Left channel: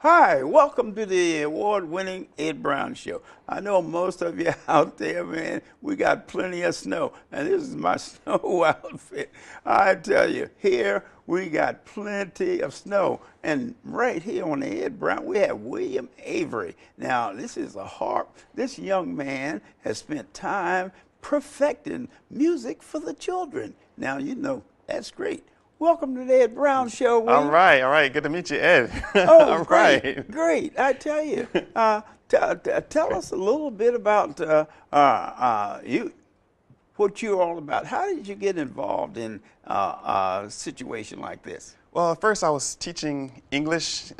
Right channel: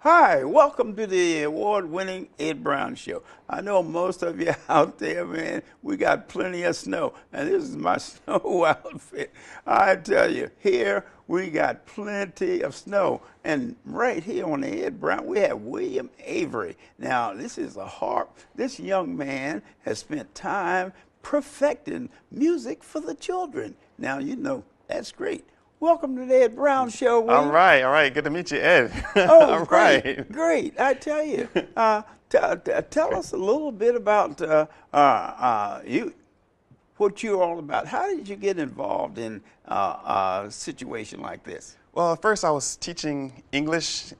Hi, welcome to the award-winning Ed Brown Show. I know most of you out there, man, we got plenty of snow, and this is my snow outfit. I tell you, here we got plenty of snow, and right here on the Ed Brown, we have William Avery. Now, this is a harp. This young man has spent time perfecting music for the children. Now, you know, that's great. Welcome to the Ed Brown Show, William. All right. Good to meet you, Ed. Oh, All great, right. great. I tell you, tell us a little bit about you, what you're all about. How did you get involved in a situation like this? Well, at first I was teaching English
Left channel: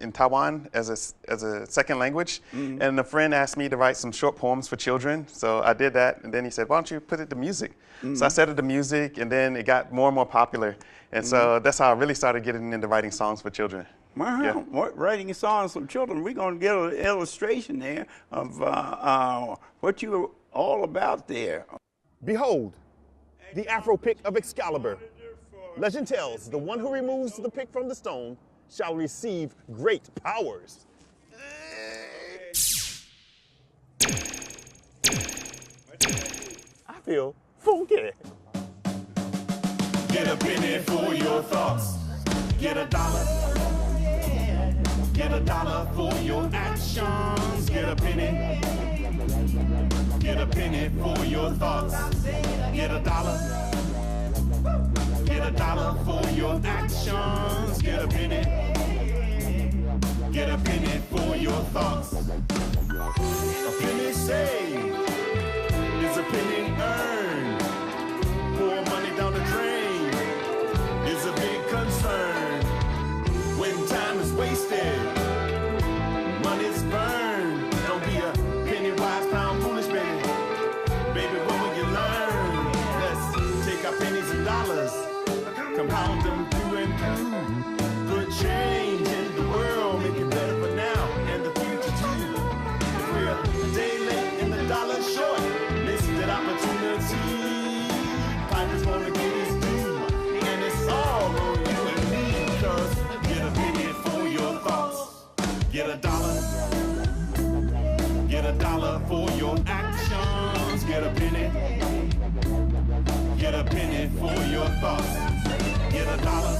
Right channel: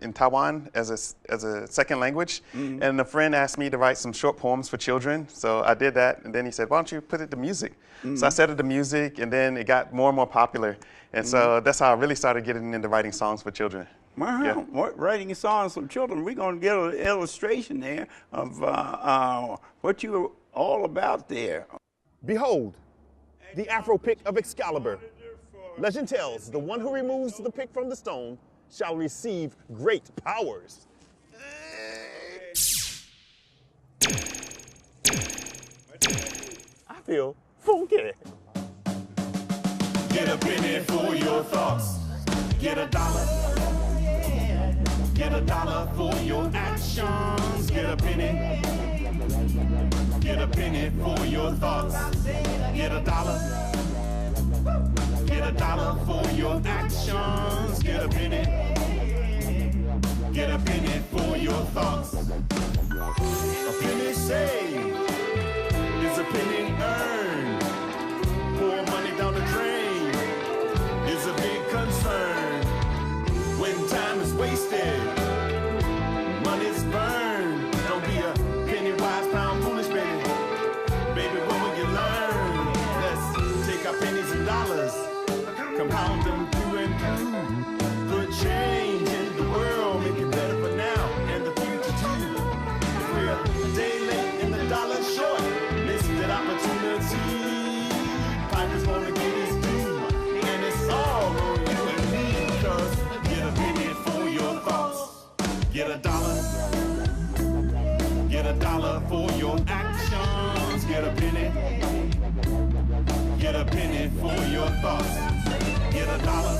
in Taiwan as a second language, and a friend asked me to write some short poems for children, so I did that, and then he said, why don't you put it to music? So I set it to music, and then it got more and more popular, and so that's how I really started getting into writing songs for children. Wow, yeah. Writing songs for children. We're going to get an illustration there of what you're all about there. Behold, the Afro pick of Excalibur. Legend tells, the one who removes the pick from the stone shall receive great powers. I feel funky. Get a penny for your thoughts. Get a dollar. Get a dollar for your actions. Get a penny. Get a penny for your thoughts. Get a dollar. Get a dollar for your actions. Get a penny. Get a penny for your thoughts. A penny saved is a penny earned. More money down the drain is a big concern. When time is wasted, money's burned. Don't be a penny wise, pound foolish, baby. Baby, what will you learn? Let's take our pennies and dollars, compound them through and through. Good change in the world, make it better for now and the future too. If we're a day late and the dollar short, miss that opportunity. Pipe is gonna get us due, and it's all on you and me. Cause get a penny for your thoughts, get a dollar. Get a dollar for your actions, get a penny. Get a penny for your thoughts. Get a dollar.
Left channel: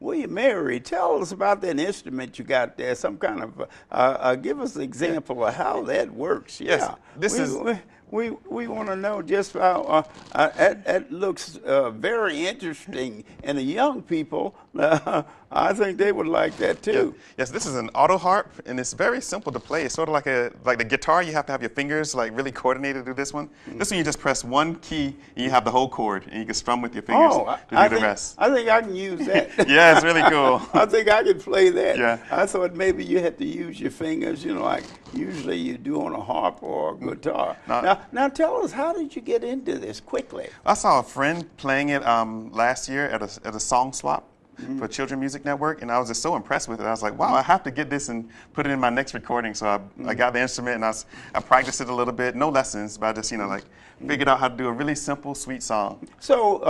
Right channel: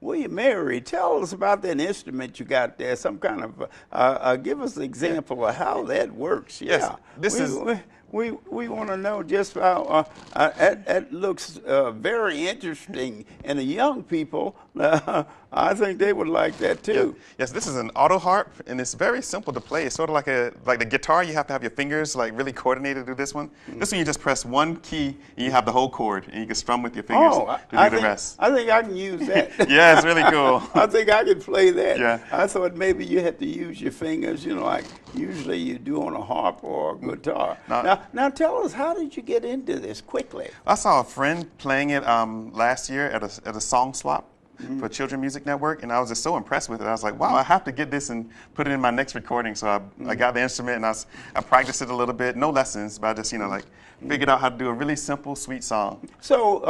William Avery, tell us about that instrument you got there. Some kind of give us an example of how that works. Yeah, Yes, this is. We want to know just how that looks very interesting, and the young people, I think they would like that too. Yes, this is an auto harp, and it's very simple to play. It's sort of like the guitar. You have to have your fingers like really coordinated to do this one. This one you just press one key, and you have the whole chord, and you can strum with your fingers to do the rest. I think I can use that. Yeah, it's really cool. I think I can play that. Yeah. I thought maybe you had to use your fingers, you know, like usually you do on a harp or a guitar. Now tell us, how did you get into this quickly? I saw a friend playing it last year at a song swap for Children Music Network, and I was just so impressed with it. I was like, wow, I have to get this and put it in my next recording. So I got the instrument, and I practiced it a little bit, no lessons, but I just, figured out how to do a really simple, sweet song. So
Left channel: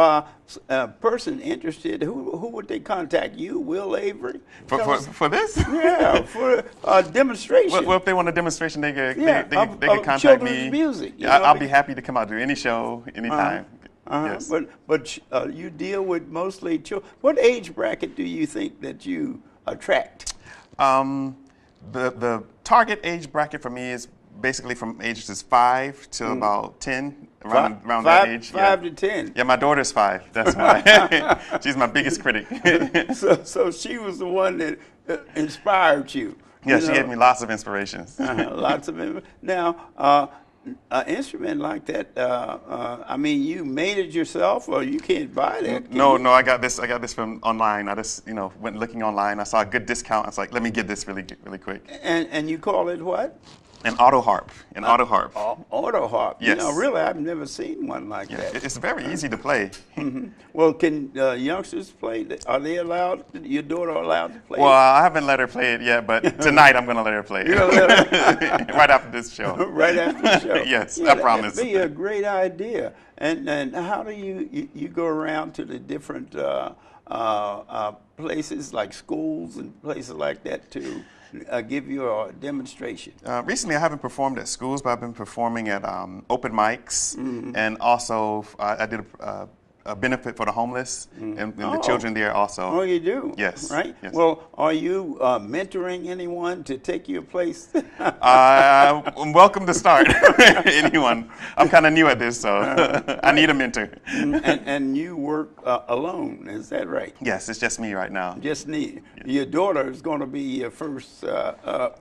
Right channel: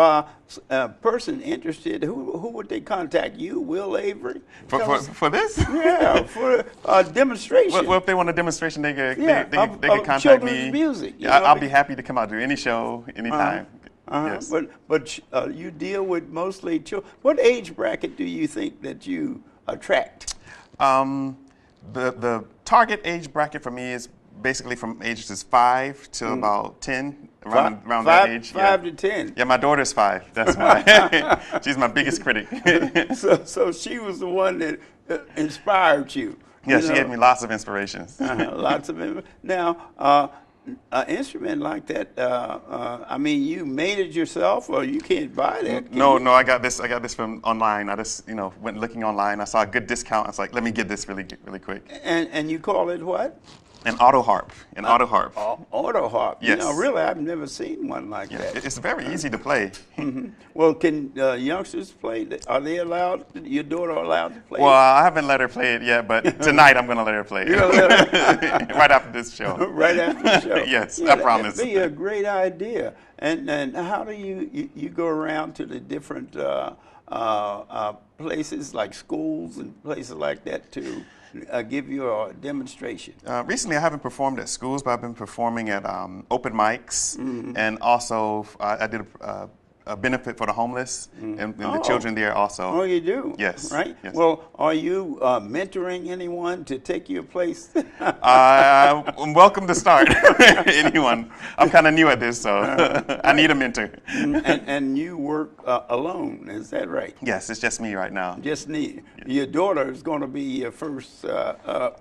a person interested, who would they contact? You, Will Avery? For this? Yeah, for a demonstration. Well, if they want a demonstration, they can contact children's me. music. Yeah, I'll be happy to come out to any show, anytime. Yes. But you deal with mostly children. What age bracket do you think that you attract? The target age bracket for me is basically from ages 5 to about 10, around that age. 5 to 10. Yeah, my daughter's 5. That's why. She's my biggest critic. So she was the one that inspired you. Yeah, she gave me lots of inspirations. Lots of them. Now, an instrument like that, I mean, you made it yourself, or you can't buy that? No, I got this from online. I just, went looking online. I saw a good discount. I was like, let me get this really quick. And you call it what? An auto harp. An auto harp. Auto harp. Yes. Really, I've never seen one like that. It's very easy to play. Well, can youngsters play? Are they allowed? Your daughter allowed to play? Well, I haven't let her play it yet, but tonight I'm going to let her play it. Right after this show. Right after the show. Yes, I promise. That'd be a great idea. And how do you go around to the different places like schools and places like that to give you a demonstration? Recently, I haven't performed at schools, but I've been performing at open mics, and also I did a benefit for the homeless and the children there also. Oh, you do? Yes. Right? Yes. Well, are you mentoring anyone to take your place? I'm welcome to start. Anyone. I'm kind of new at this, so I need a mentor. And you work alone, is that right? Yes, it's just me right now. Just need. Your daughter is going to be your first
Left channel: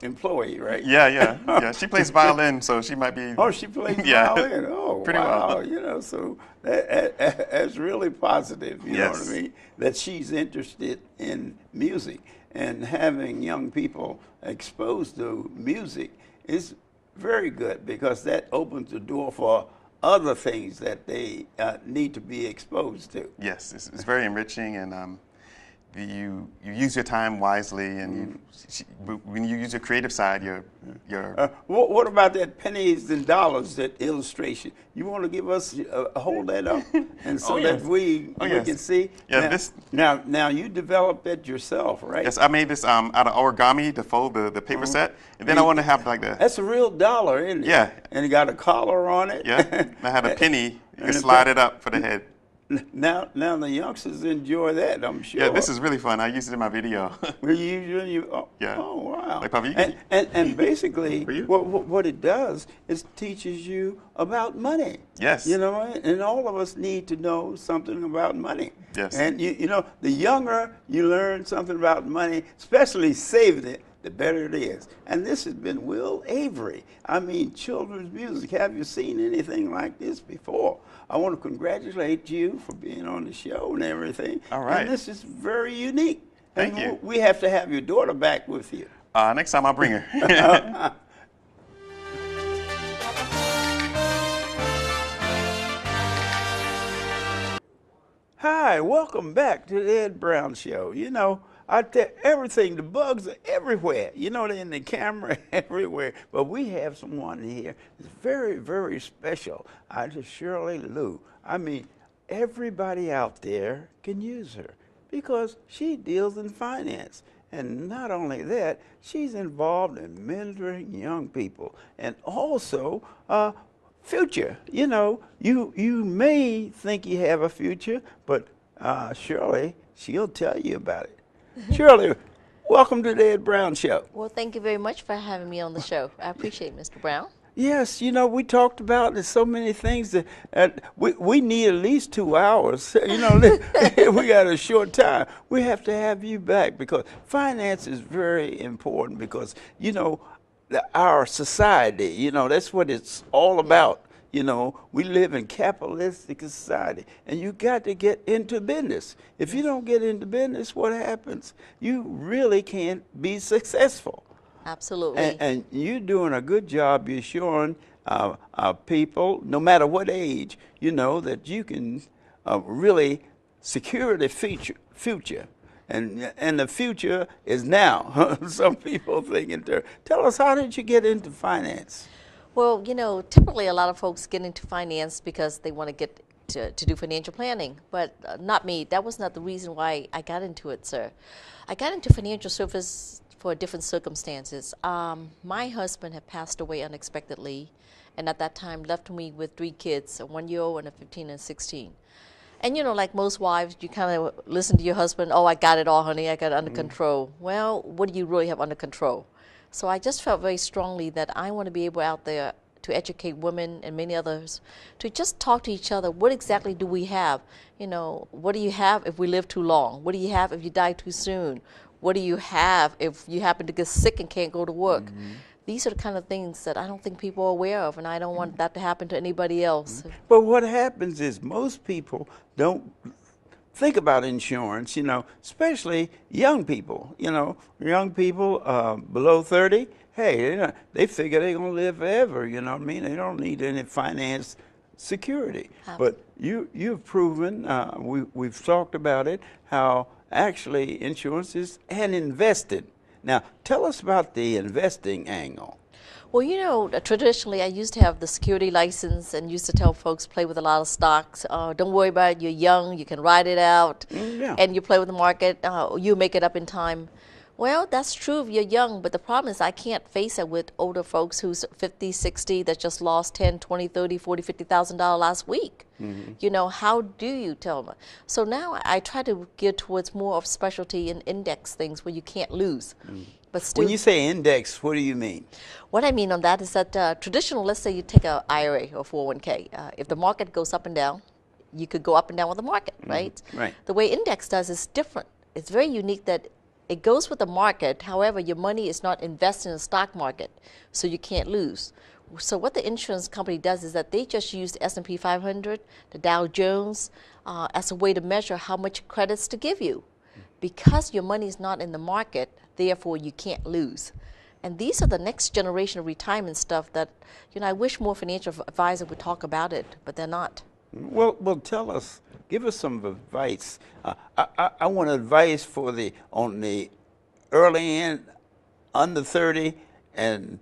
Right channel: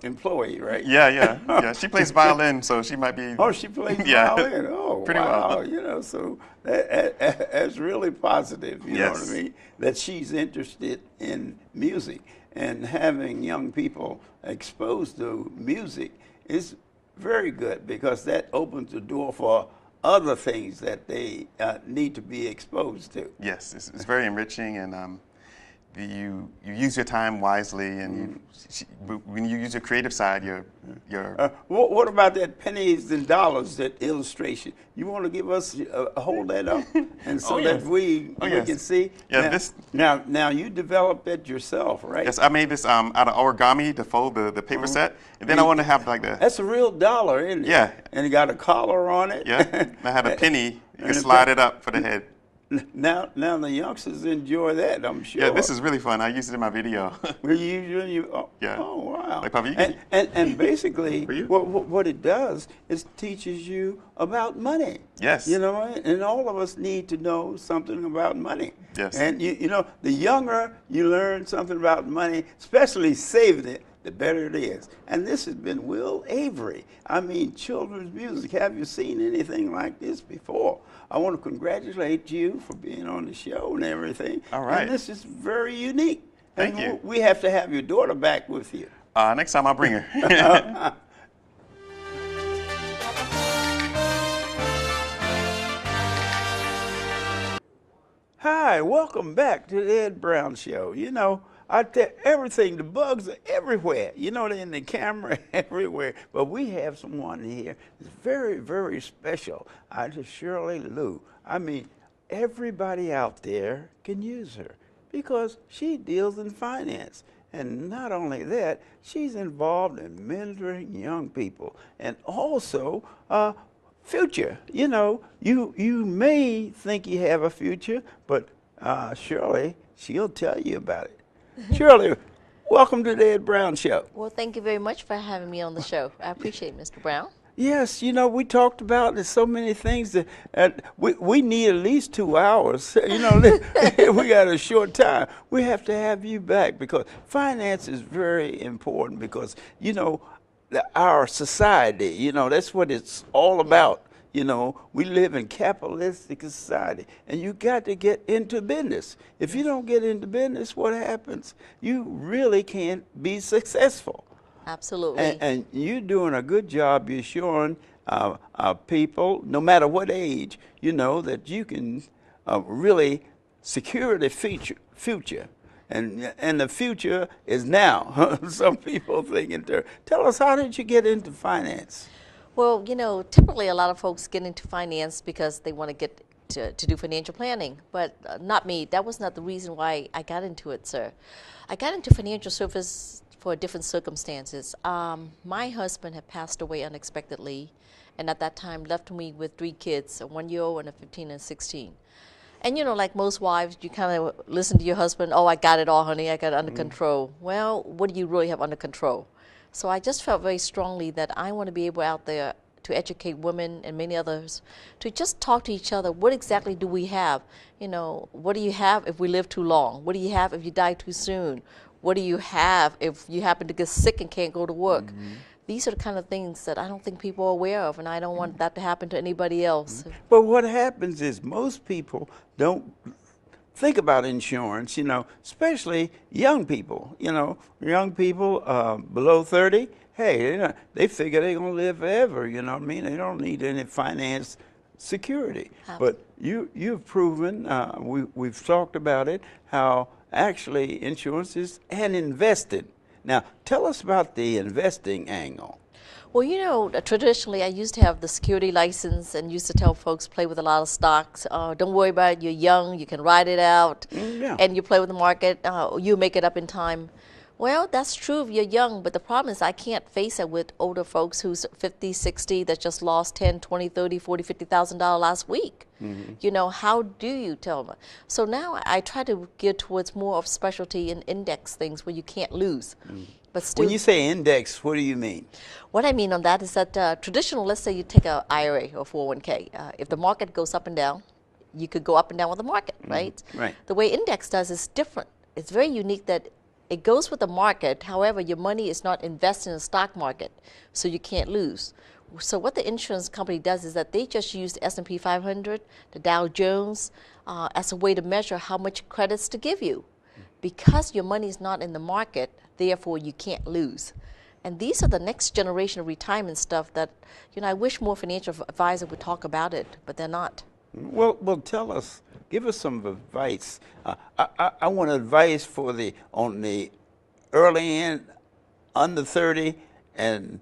employee, right? Yeah. She plays violin, so she might be. Oh, she plays Yeah. violin. Oh, Pretty wow. well. You know, so that's really positive. You know Yes. what I mean? That she's interested in music, and having young people exposed to music is very good, because that opens the door for other things that they need to be exposed to. Yes, it's very enriching, and you use your time wisely, and when you use your creative side, you're What about that pennies and dollars, that illustration? You want to give us hold that up, and so yes. that we can see. Yeah, Now you developed it yourself, right? Yes, I made this out of origami to fold the paper set, and then I want to have like the. That's a real dollar, isn't it? Yeah. And it got a collar on it. Yeah, I had a penny. You can slide it up for the head. Now the youngsters enjoy that, I'm sure. Yeah, this is really fun. I used it in my video. Yeah. Oh, wow. Like Puppy? And basically, For you? what it does is teaches you about money. Yes. You know, and all of us need to know something about money. Yes. And you know, the younger you learn something about money, especially saving it, the better it is. And this has been Will Avery. I mean, children's music. Have you seen anything like this before? I want to congratulate you for being on the show and everything. All right. And this is very unique. Thank And you. We have to have your daughter back with you. Next time I'll bring her. Hi, welcome back to the Ed Brown Show. You know, I tell everything, the bugs are everywhere. You know, they're in the camera everywhere. But we have someone here that's very, very special. Just Shirley Lou. I mean, everybody out there can use her because she deals in finance. And not only that, she's involved in mentoring young people and also future. You know, you may think you have a future, but Shirley, she'll tell you about it. Shirley, welcome to the Ed Brown Show. Well, thank you very much for having me on the show. I appreciate it, Mr. Brown. Yes, you know, we talked about there's so many things that we need at least 2 hours. You know, we got a short time. We have to have you back because finance is very important because, you know, our society, you know, that's what it's all about. You know, we live in capitalistic society, and you got to get into business. If you don't get into business, what happens? You really can't be successful. Absolutely. And you're doing a good job. You're showing people, no matter what age, you know, that you can really secure the future. And the future is now. Some people think tell us, how did you get into finance? Well, you know, typically a lot of folks get into finance because they want to get to do financial planning, but not me. That was not the reason why I got into it, sir. I got into financial service for different circumstances. My husband had passed away unexpectedly, and at that time left me with 3 kids, a 1-year-old and a 15 and 16. And you know, like most wives, you kind of listen to your husband, oh, I got it all, honey, I got it under control. Well, what do you really have under control? So I just felt very strongly that I want to be able out there to educate women and many others to just talk to each other. What exactly do we have? You know, what do you have if we live too long? What do you have if you die too soon? What do you have if you happen to get sick and can't go to work? These are the kind of things that I don't think people are aware of, and I don't want that to happen to anybody else. But what happens is most people don't think about insurance, you know, especially young people. You know, young people below 30, hey, they figure they're going to live forever, you know what I mean? They don't need any finance security. But you've proven, we've talked about it, how actually insurance is and invested. Now, tell us about the investing angle. Well, you know, traditionally I used to have the security license and used to tell folks play with a lot of stocks. Don't worry about it. You're young. You can ride it out. Yeah. And you play with the market. You make it up in time. Well, that's true if you're young, but the problem is I can't face it with older folks who's 50, 60 that just lost 10, 20, 30, 40, $50,000 last week. You know, how do you tell them? So now I try to gear towards more of specialty and index things where you can't lose. But still, When you say index, what do you mean? what I mean on that is that traditional, let's say you take a IRA or 401k, if the market goes up and down, you could go up and down with the market, right? Right. The way index does is different. It's very unique that it goes with the market. However, your money is not invested in the stock market, so you can't lose. So what the insurance company does is that they just use the S&P 500, the Dow Jones, as a way to measure how much credits to give you. Because your money is not in the market, therefore you can't lose. And these are the next generation of retirement stuff that, you know, I wish more financial advisors would talk about it, but they're not. Well, tell us, give us some advice. I want advice for on the early end, under 30 and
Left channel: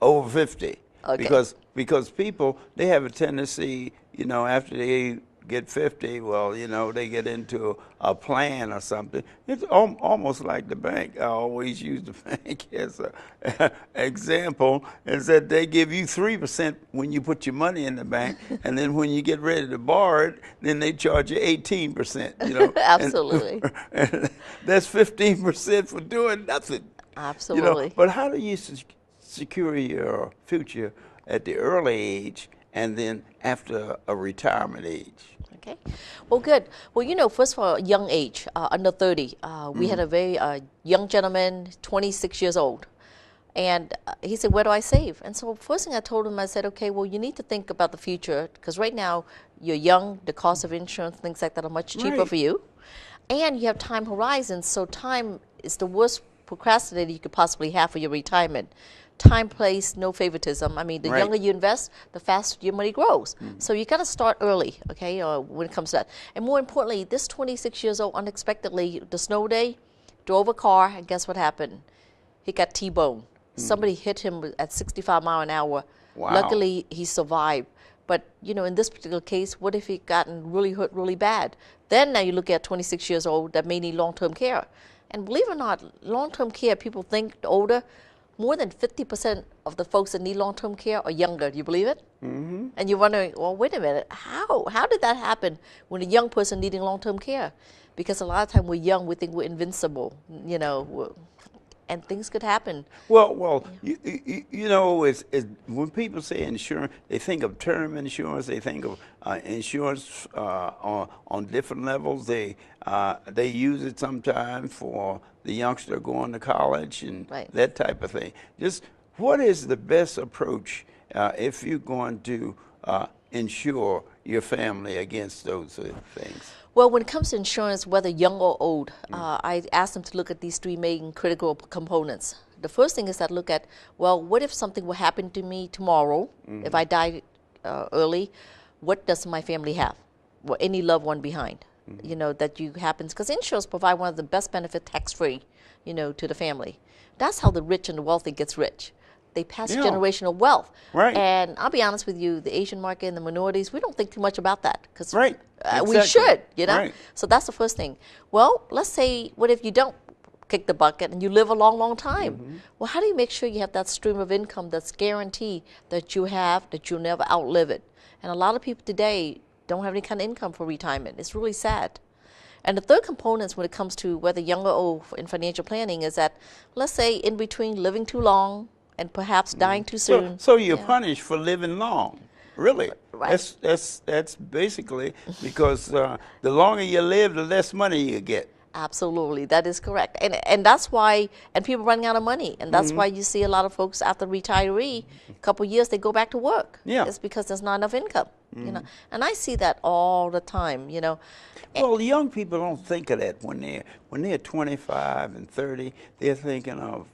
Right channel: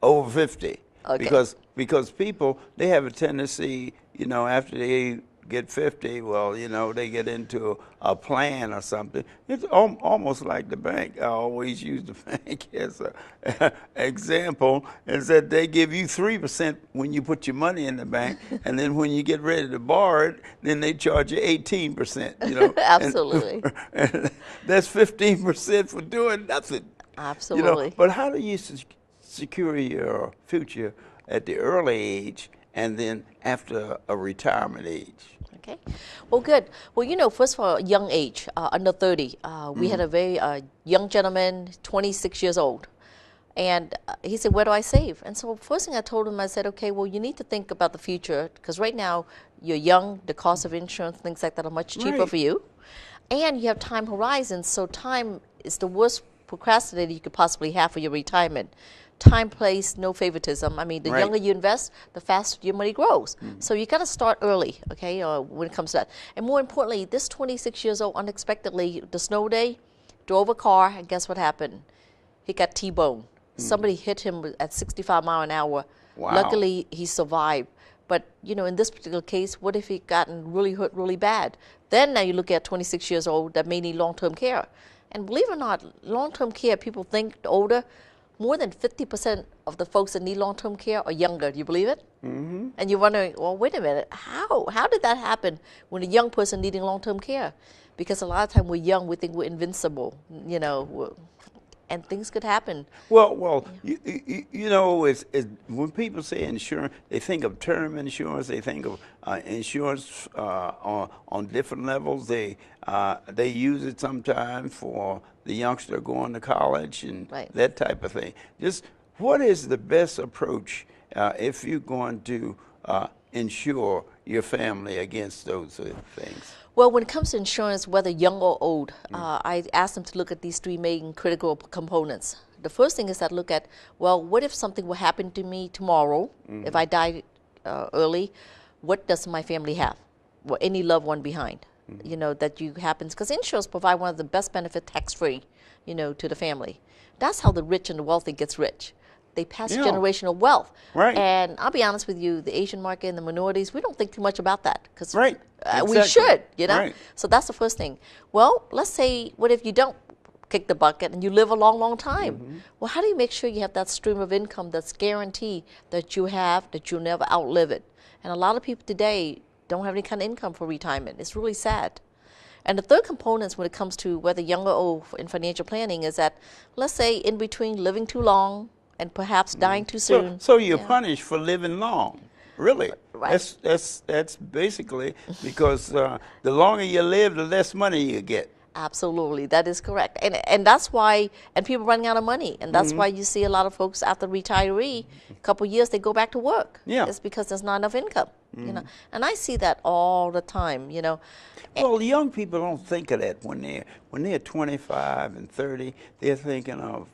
over 50. Okay. Because people, they have a tendency, you know, after they get 50, well, you know, they get into a plan or something. It's almost like the bank. I always use the bank as an example, is that they give you 3% when you put your money in the bank, and then when you get ready to borrow it, then they charge you 18%. You know, Absolutely. and that's 15% for doing nothing. Absolutely. You know, but how do you secure your future at the early age and then after a retirement age? Okay. Well, good. Well, you know, first of all, young age, under 30. We had a very young gentleman, 26 years old. And he said, where do I save? And so first thing I told him, I said, okay, well, you need to think about the future, because right now you're young, the cost of insurance, things like that are much cheaper Right. for you. And you have time horizons, so time is the worst procrastinator you could possibly have for your retirement. Time, place, no favoritism. I mean, the Right. younger you invest, the faster your money grows. So you got to start early, okay, when it comes to that. And more importantly, this 26 years old, unexpectedly, the snow day, drove a car, and guess what happened? He got T-boned. Somebody hit him at 65 miles an hour. Wow. Luckily, he survived. But, you know, in this particular case, what if he gotten really hurt really bad? Then now you look at 26 years old that may need long-term care. And believe it or not, long-term care, people think older, more than 50% of the folks that need long-term care are younger. Do you believe it? Mm-hmm. And you're wondering, well, wait a minute, how did that happen when a young person needing long-term care? Because a lot of time we're young, we think we're invincible, you know, and things could happen. Well, you know, it's when people say insurance, they think of term insurance. They think of insurance on different levels. They use it sometimes for the youngster going to college and Right. that type of thing. Just what is the best approach if you're going to insure your family against those things? Well, when it comes to insurance, whether young or old, I ask them to look at these three main critical components. The first thing is that look at, well, what if something will happen to me tomorrow, if I die early, what does my family have? Or any loved one behind, you know, that you happens. Because insurance provide one of the best benefits tax-free, you know, to the family. That's how the rich and the wealthy gets rich. They pass Yeah. generational wealth. Right. And I'll be honest with you, the Asian market and the minorities, we don't think too much about that. Cause Right. we Exactly. should, you know? Right. So that's the first thing. Well, let's say, what if you don't kick the bucket and you live a long, long time? Well, how do you make sure you have that stream of income that's guaranteed that you have, that you'll never outlive it? And a lot of people today don't have any kind of income for retirement. It's really sad. And the third component when it comes to whether young or old in financial planning is that, let's say, in between living too long and perhaps dying too soon. So you're punished for living long. Really? Right. That's basically because the longer you live, the less money you get. Absolutely, that is correct, and that's why, and people running out of money, and that's why you see a lot of folks after retiree, a couple of years they go back to work. Yeah. It's because there's not enough income, you know, and I see that all the time, you know. Well, young people don't think of that when they're 25 and 30. They're thinking of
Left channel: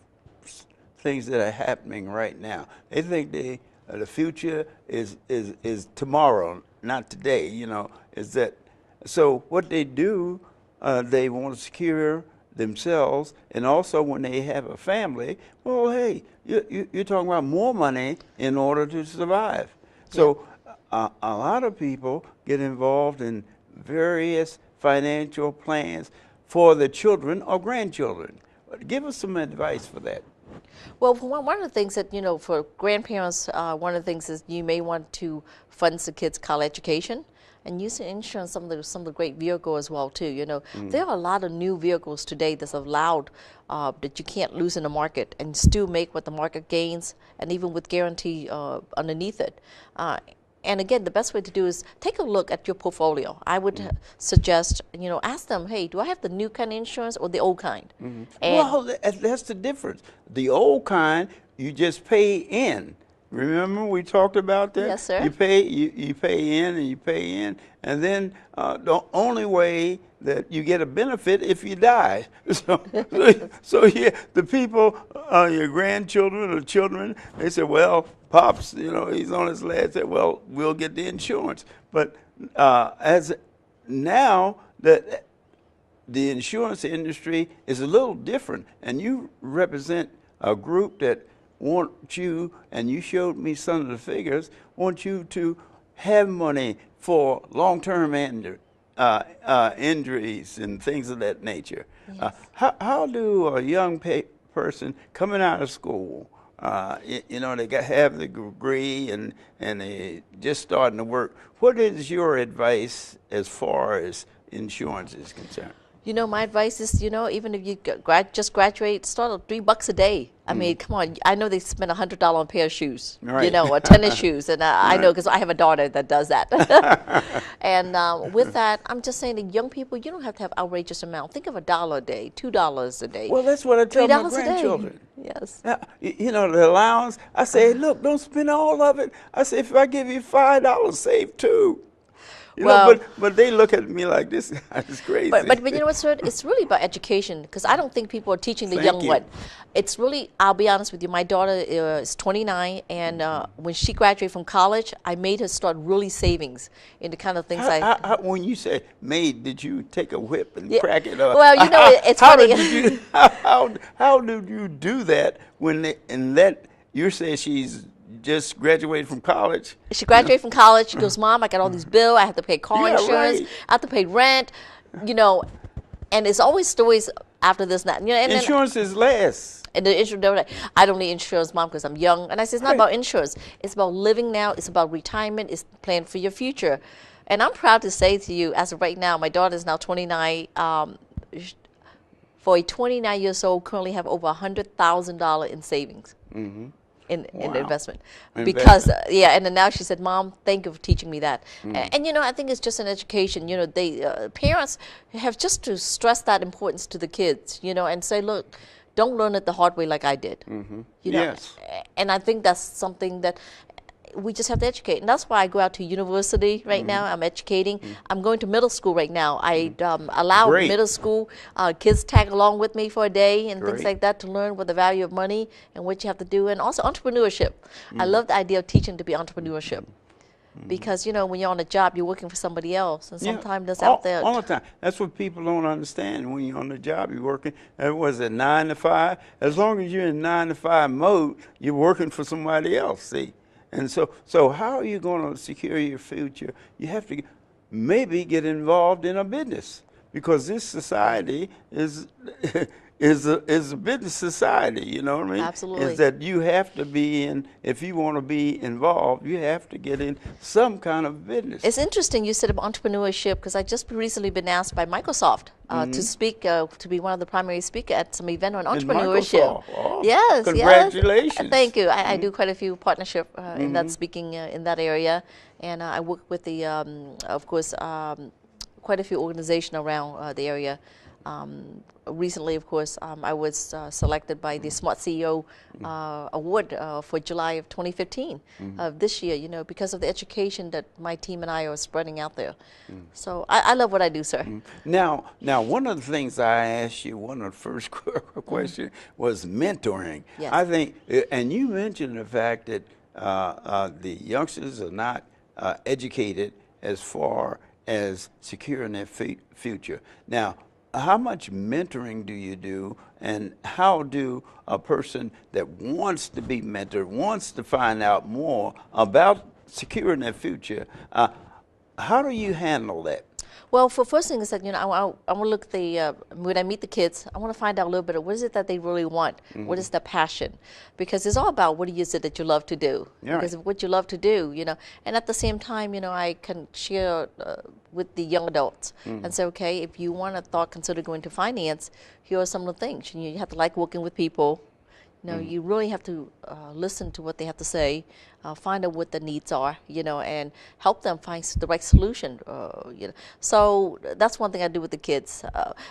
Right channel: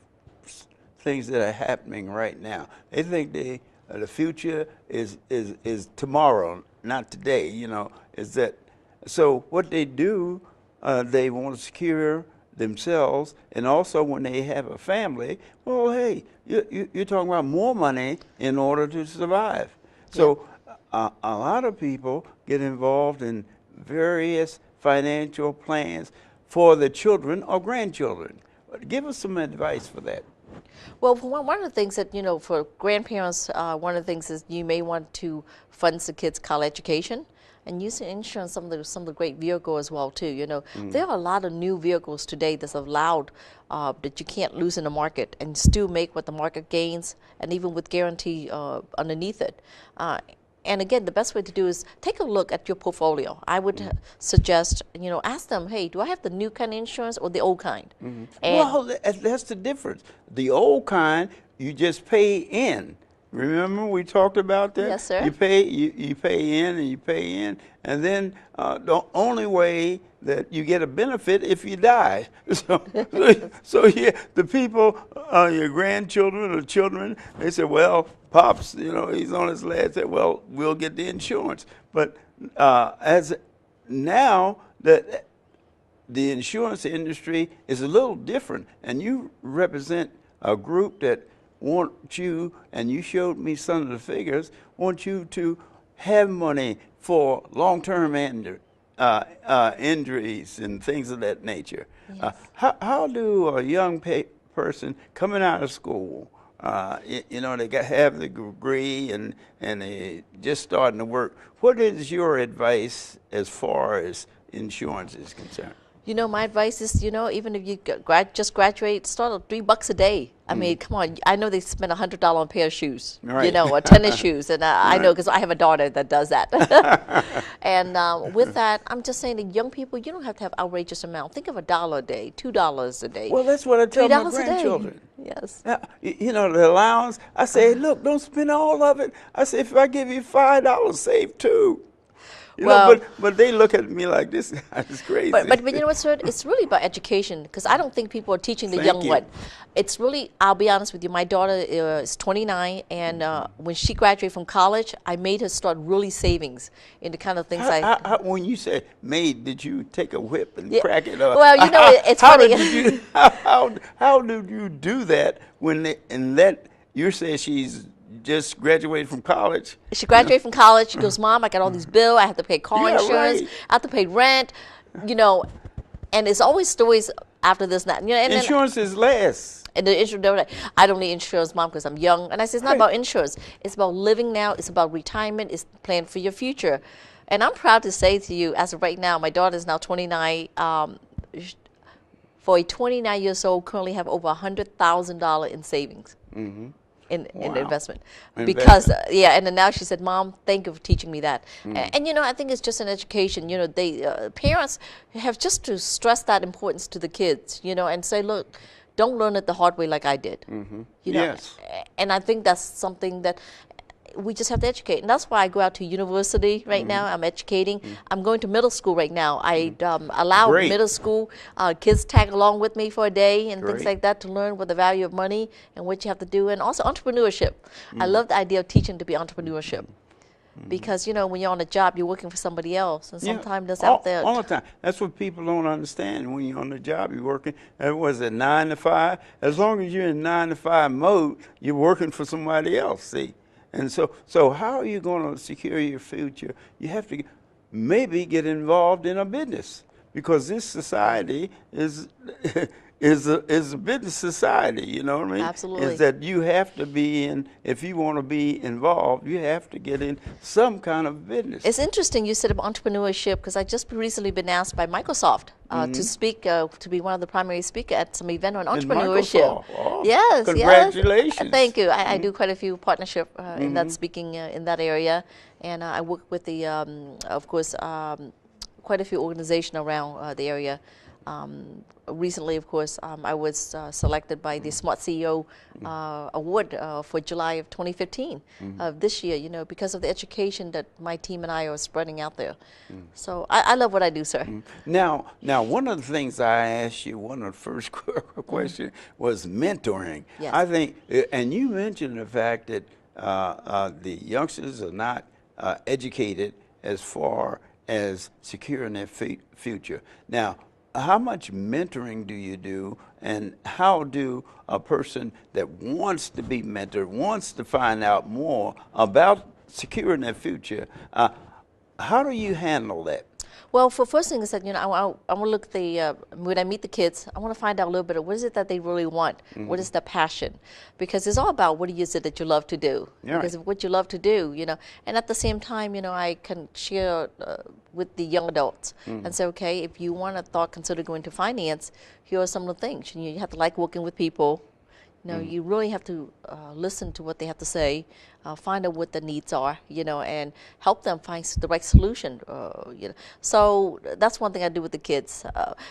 things that are happening right now. They think the future is tomorrow, not today. You know, is that so? What they do, they want to secure themselves, and also when they have a family. Well, hey, you're talking about more money in order to survive. So a lot of people get involved in various financial plans for the children or grandchildren. Give us some advice for that. Well, one of the things that, for grandparents, one of the things is you may want to fund the kids' college education and use the insurance, some of the great vehicles as well, too. There are a lot of new vehicles today that's allowed that you can't lose in the market and still make what the market gains, and even with guarantee underneath it. And again, the best way to do is take a look at your portfolio. I would suggest, ask them, hey, do I have the new kind of insurance or the old kind? And Well, that's the difference. The old kind, you just pay in. Remember we talked about that? Yes, sir. You pay in and you pay in, and then the only way that you get a benefit if you die. So yeah, the people, your grandchildren or children, they say, well, Pops, he's on his last. Say, well, we'll get the insurance. But as now the insurance industry is a little different, and you represent a group that want you, and you showed me some of the figures, want you to have money for long-term injuries and things of that nature. Yes. How do a young person coming out of school, they have the degree and they just starting to work, what is your advice as far as insurance is concerned? My advice is, even if you just graduate, start at $3 a day. I mean, come on. I know they spend $100 on a pair of shoes, Right. Or tennis shoes. And I know because I have a daughter that does that. And with that, I'm just saying that young people, you don't have to have outrageous amount. Think of $1 a day, $2 a day. Well, that's what I tell my $3 a day. grandchildren. Yes. The allowance, I say, look, don't spend all of it. I say, if I give you $5, save $2. But they look at me like this guy is crazy. But you know what, sir? It's really about education, because I don't think people are teaching the young one. It's really, I'll be honest with you, my daughter is 29, and when she graduated from college, I made her start really savings in the kind of things when you said made, did you take a whip and crack it up? Well, it's how funny. How did you do that when you say she's just graduated from college? She graduated from college. She goes, Mom, I got all these bills. I have to pay car insurance. Right. I have to pay rent. And there's always stories after this and that. And Insurance is less. And the insurance, I don't need insurance, Mom, because I'm young. And I said, it's not about insurance. It's about living now. It's about retirement. It's plan for your future. And I'm proud to say to you, as of right now, my daughter is now 29. For a 29 years old, currently have over $100,000 in savings. Mm-hmm. In investment, because and then now she said, Mom, thank you for teaching me that. And I think it's just an education. Parents have just to stress that importance to the kids, and say, look, don't learn it the hard way like I did. Yes. And I think that's something that we just have to educate, and that's why I go out to university right now. I'm educating. I'm going to middle school right now. I allow middle school kids tag along with me for a day and things like that to learn what the value of money and what you have to do, and also entrepreneurship. I love the idea of teaching to be entrepreneurship. Because when you're on a job, you're working for somebody else, and sometimes that's out there. All the time. That's what people don't understand. When you're on the job, you're working. Was it 9 to 5? As long as you're in 9 to 5 mode, you're working for somebody else. See. And so how are you going to secure your future? You have to maybe get involved in a business, because this society is a business society. You know what I mean? Absolutely. Is that you have to be in, if you want to be involved, you have to get in some kind of business. It's interesting you said about entrepreneurship, because I just recently been asked by Microsoft to speak, to be one of the primary speakers at some event on entrepreneurship. Oh, yes, congratulations. Yes. Thank you. I do quite a few partnership in that speaking in that area, and I work with the, of course, quite a few organizations around the area. Recently, of course, I was selected by the Smart CEO Award for July of 2015 of this year, because of the education that my team and I are spreading out there. So I love what I do, sir. Now, one of the things I asked you, one of the first questions was mentoring. Yes. I think, and you mentioned the fact that the youngsters are not educated as far as securing their future. Now, how much mentoring do you do, and how do a person that wants to be mentored, wants to find out more about securing their future, how do you handle that? Well, for first thing is that, I want to look at when I meet the kids, I want to find out a little bit of what is it that they really want? What is their passion? Because it's all about what is it that you love to do? Yeah. Because what you love to do, and at the same time, I can share with the young adults and say, okay, if you want to consider going to finance, here are some of the things. You have to like working with people. You really have to listen to what they have to say, find out what the needs are, and help them find the right solution. So that's one thing I do with the kids.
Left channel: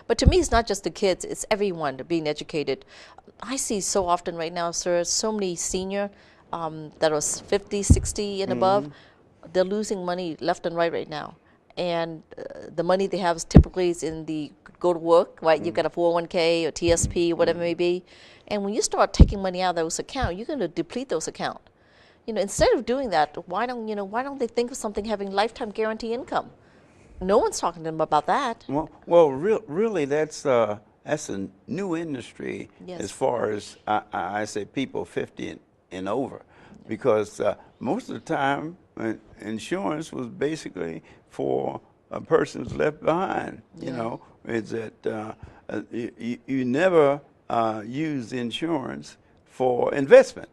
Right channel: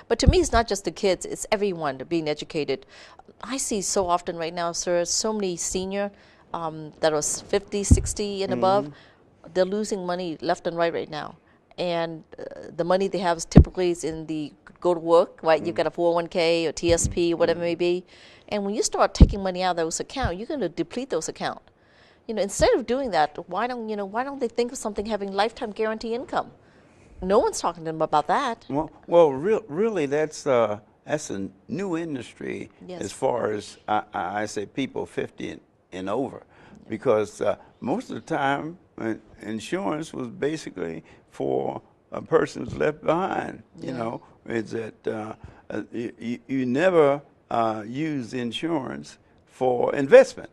But to me, it's not just the kids; it's everyone being educated. I see so often right now, sir, so many senior that are 50, 60 and above. They're losing money left and right now. And the money they have typically is in the go to work, right? You've got a 401k or TSP, whatever it may be. And when you start taking money out of those accounts, you're going to deplete those accounts. Instead of doing that, why don't they think of something having lifetime guarantee income? No one's talking to them about that. Well, really, that's a new industry as far as I say people 50 and over, because most of the time insurance was basically for a person who's left behind. Is that you never use insurance for investment.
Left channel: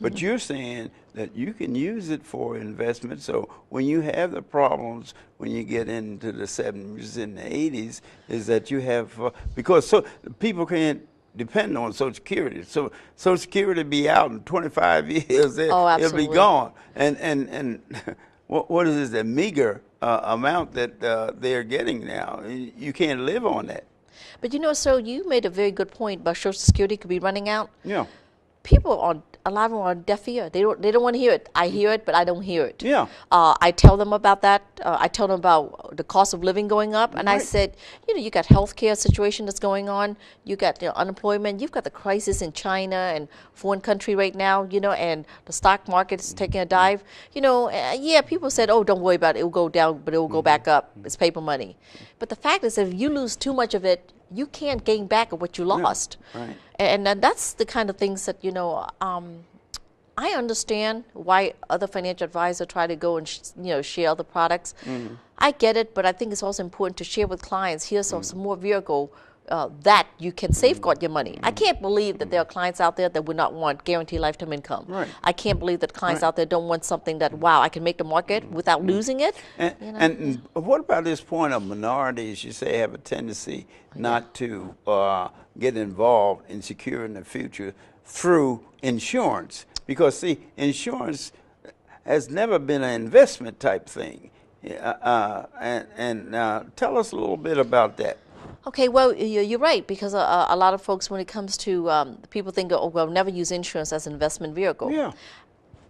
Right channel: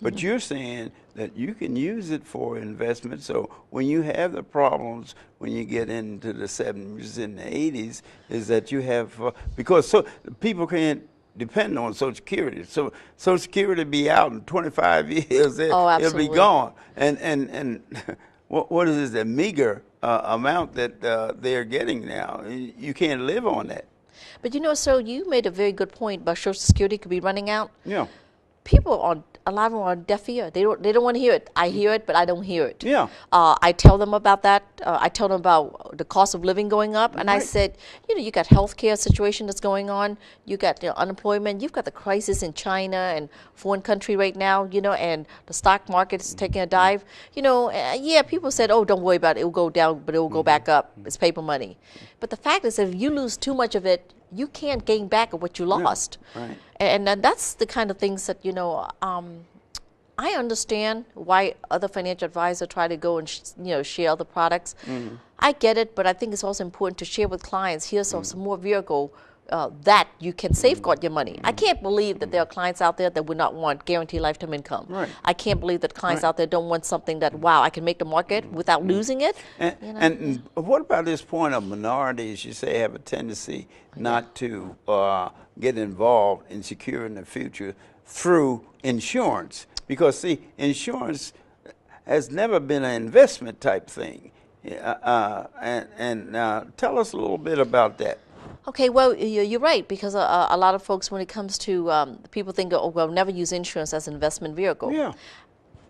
But you're saying that you can use it for investment. So when you have the problems, when you get into the 70s and the 80s, is that you have, because people can't depend on Social Security. So Social Security be out in 25 years, it'll be gone. And what is this, a meager amount that they're getting now? You can't live on that. But so you made a very good point about Social Security could be running out. Yeah. People a lot of them are deaf ear. They don't want to hear it. I hear it, but I don't hear it. Yeah. I tell them about that. I tell them about the cost of living going up, and I said, you got healthcare situation that's going on. You got unemployment. You've got the crisis in China and foreign country right now. And the stock market is taking a dive. People said, oh, don't worry about it. It will go down, but it will go back up. It's paper money. But the fact is, if you lose too much of it, you can't gain back what you lost. Right. And that's the kind of things that, I understand why other financial advisors try to go and, share other products. I get it, but I think it's also important to share with clients, here's some more vehicle that you can safeguard your money. I can't believe that there are clients out there that would not want guaranteed lifetime income. Right. I can't believe that clients out there don't want something that, wow, I can make the market without losing it. And what about this point of minorities, you say, have a tendency not to get involved in securing the future through insurance? Because, see, insurance has never been an investment type thing. Tell us a little bit about that. Okay, well, you're right, because a lot of folks, when it comes to people think, oh, well, never use insurance as an investment vehicle. Yeah.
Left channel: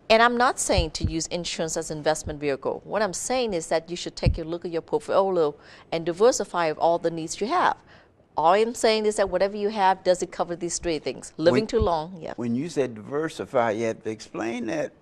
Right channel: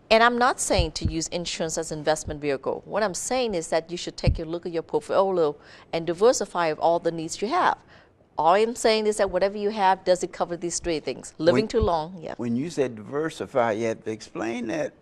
And I'm not saying to use insurance as an investment vehicle. What I'm saying is that you should take a look at your portfolio and diversify of all the needs you have. All I'm saying is that whatever you have, does it cover these three things? Living too long, yeah. When you said diversify, you have to explain that.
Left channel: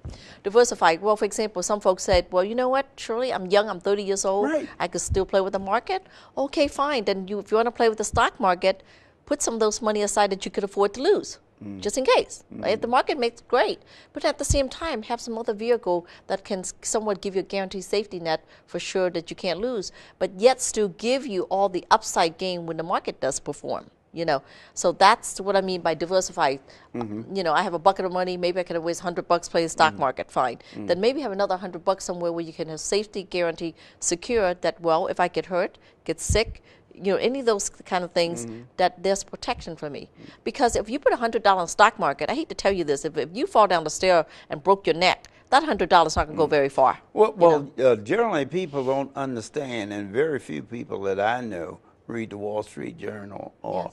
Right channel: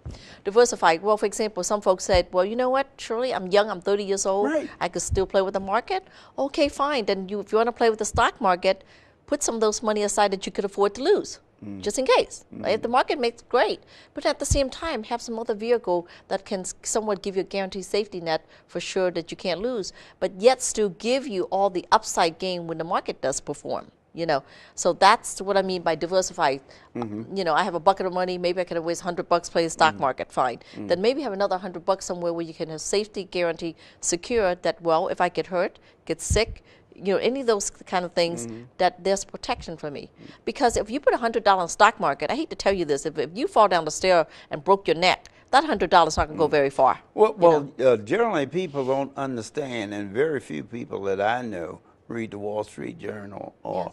Diversify. Well, for example, some folks said, well, you know what, Shirley, I'm young, I'm 30 years old. Right. I could still play with the market. Okay, fine. Then if you want to play with the stock market, put some of those money aside that you could afford to lose, just in case. If the market makes great, but at the same time, have some other vehicle that can somewhat give you a guaranteed safety net for sure that you can't lose, but yet still give you all the upside gain when the market does perform. So that's what I mean by diversify. I have a bucket of money, maybe I can always $100 play the stock market, fine. Then maybe have another $100 somewhere where you can have safety guarantee secured that, well, if I get hurt, get sick, any of those kind of things, that there's protection for me. Because if you put $100 in the stock market, I hate to tell you this, if you fall down the stair and broke your neck, that $100 is not going to go very far. Well, generally people don't understand, and very few people that I know read the Wall Street Journal or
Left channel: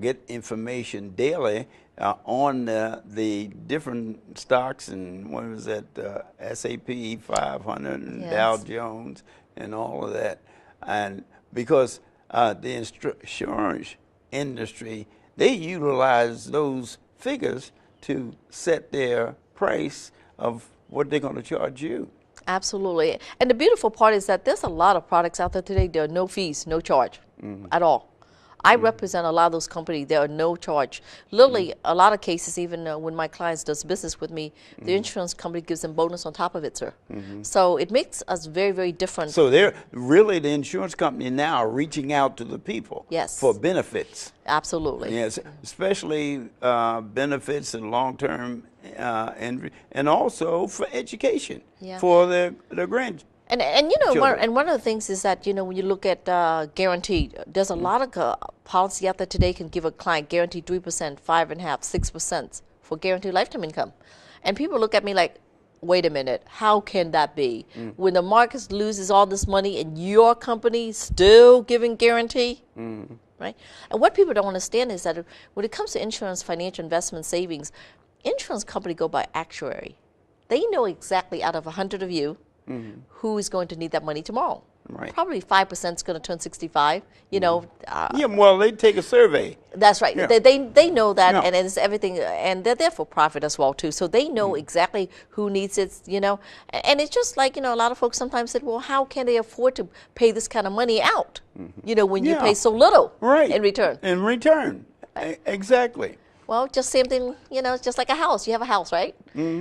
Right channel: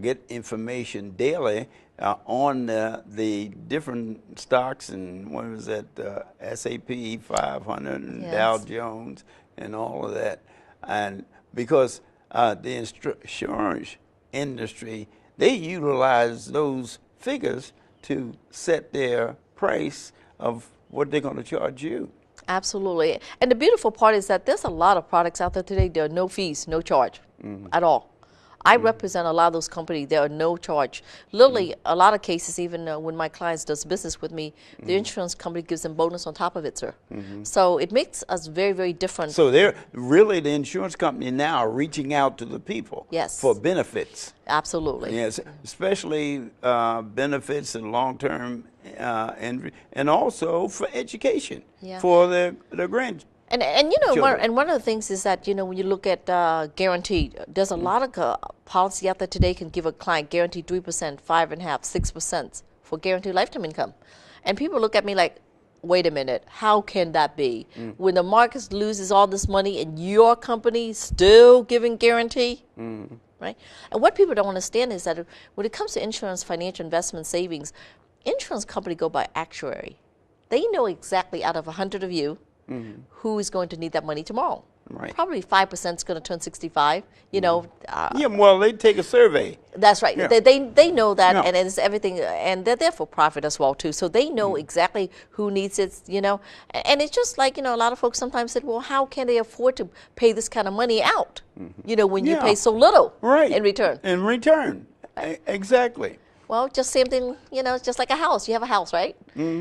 get information daily on the different stocks, and what was that, S&P 500 and Dow Jones and all of that. And because the insurance industry, they utilize those figures to set their price of what they're going to charge you. Absolutely. And the beautiful part is that there's a lot of products out there today. There are no fees, no charge at all. I represent a lot of those companies. There are no charge. Literally, a lot of cases, even when my clients does business with me, the insurance company gives them bonus on top of it, sir. So it makes us very, very different. So they're really, the insurance company now are reaching out to the people. Yes. For benefits. Absolutely. Yes, especially benefits and long-term, and also for education for the grandchildren. And you know, one of the things is that, you know, when you look at guaranteed, there's a lot of policy out there today can give a client guaranteed 3%, 5.5%, 6% for guaranteed lifetime income. And people look at me like, wait a minute, how can that be? When the market loses all this money and your company still giving guarantee? Right? And what people don't understand is that when it comes to insurance, financial investment, savings, insurance company go by actuary. They know exactly out of 100 of you, who is going to need that money tomorrow. Right. Probably 5% is going to turn 65. You know. Yeah, well, they take a survey. That's right. Yeah. They know that, Yeah. and it's everything, and they're there for profit as well too. So they know exactly who needs it. You know, and it's just like, you know, a lot of folks sometimes said, well, how can they afford to pay this kind of money out? You know, when you Yeah. pay so little Right. in return. In return, exactly. Well, just same thing. You know, it's just like a house. You have a house, right?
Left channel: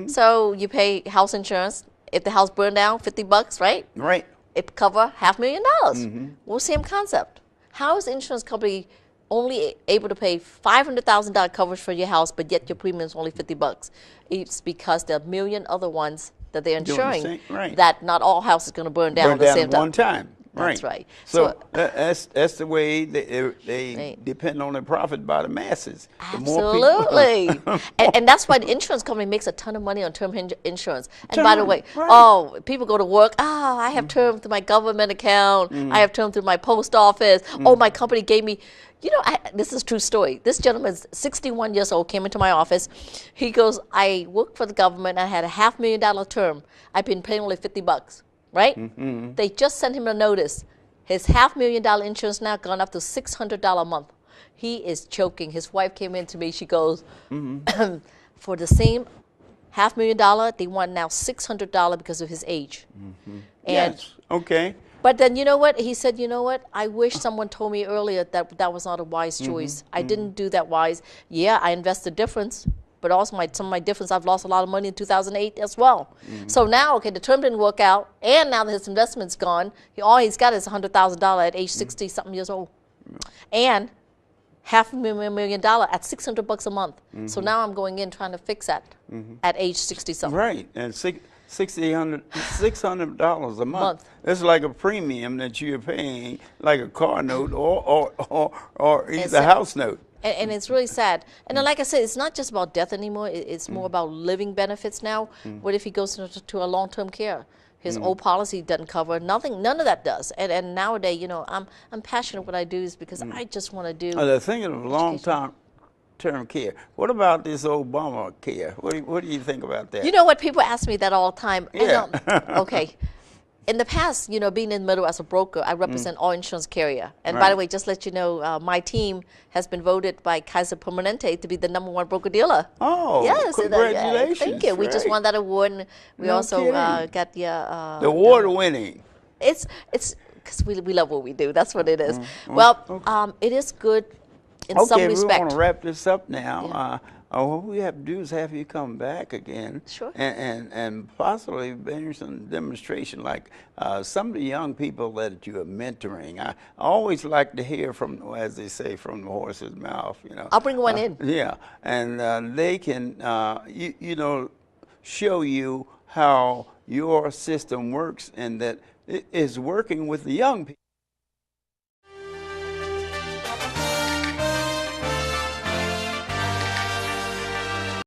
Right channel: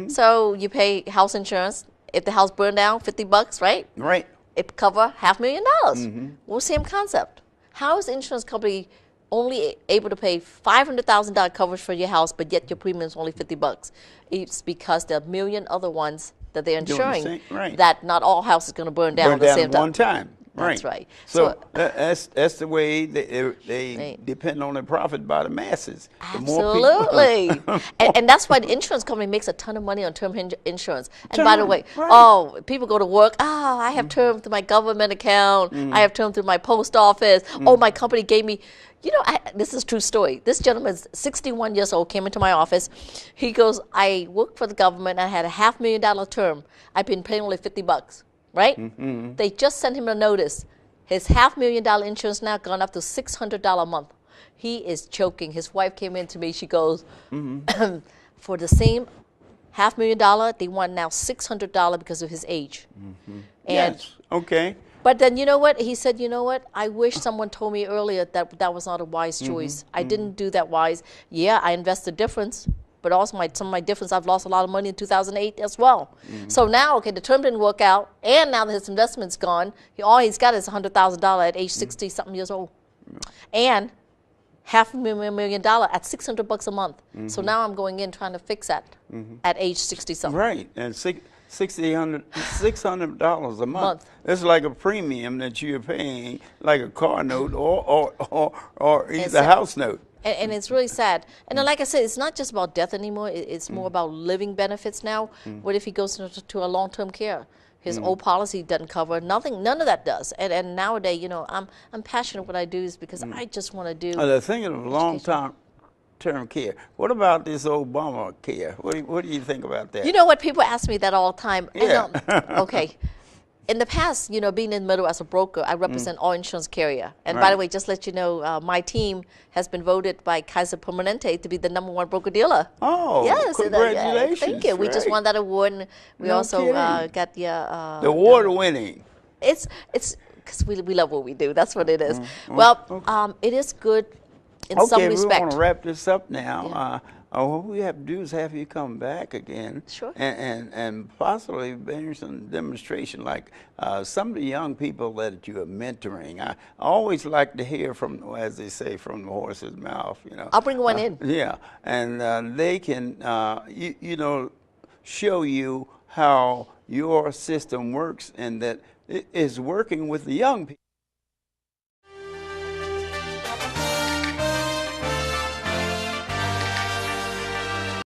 So you pay house insurance. If the house burned down, $50, right? Right. It cover $500,000. Well, same concept. How is the insurance company only able to pay $500,000 coverage for your house, but yet your premium is only $50? It's because there are a million other ones that they're insuring right. that not all houses are going to burn down Burn at the down same at time. one time. That's Right. right. So that's the way they Right. depend on the profit by the masses. The more Absolutely. people- and that's why the insurance company makes a ton of money on term insurance. And by the Term, way, right. oh, people go to work, I have term through my government account. I have term through my post office. Oh, my company gave me, you know, this is a true story. This gentleman's 61 years old, came into my office. He goes, I work for the government. I had a $500,000 term. I've been paying only $50. Right? They just sent him a notice. His $500,000 insurance now gone up to $600 a month. He is choking. His wife came in to me. She goes, for the same $500,000, they want now $600 because of his age. And Yes. Okay. but then, you know what? He said, you know what? I wish someone told me earlier that that was not a wise choice. I didn't do that wise. Yeah, I invested difference. But also some of my difference, I've lost a lot of money in 2008 as well. So now, okay, the term didn't work out, and now that his investment's gone, all he's got is $100,000 at age 60-something years old. And $500,000 at $600 a month. So now I'm going in trying to fix that at age 60-something. Right. And $600 a month. It's like a premium that you're paying, like a car note or either house note. And it's really sad. And then, like I said, it's not just about death anymore. It's more about living benefits now. What if he goes to a long-term care? His old policy doesn't cover nothing. None of that does. And nowadays, you know, I'm passionate what I do is because I just want to do. The thing of long-term care. What about this Obama care? What do you think about that? You know what? People ask me that all the time. Yeah. Okay. In the past, you know, being in the middle as a broker, I represent all insurance carrier. And by Right. the way, just let you know, my team has been voted by Kaiser Permanente to be the #1 broker dealer. Oh, Yes, congratulations. thank you. We just Right. won that award, and we No also kidding. got the Award-winning. It's because we love what we do. That's what it is. Well, it is good in some Okay, we respect. want to wrap this up now. What we have to do is have you come back again, Sure. and possibly bring some demonstration, like some of the young people that you are mentoring. I always like to hear from, as they say, from the horse's mouth. You know. I'll bring one in. Yeah, and they can, you know, show you how your system works and that it is working with the young people.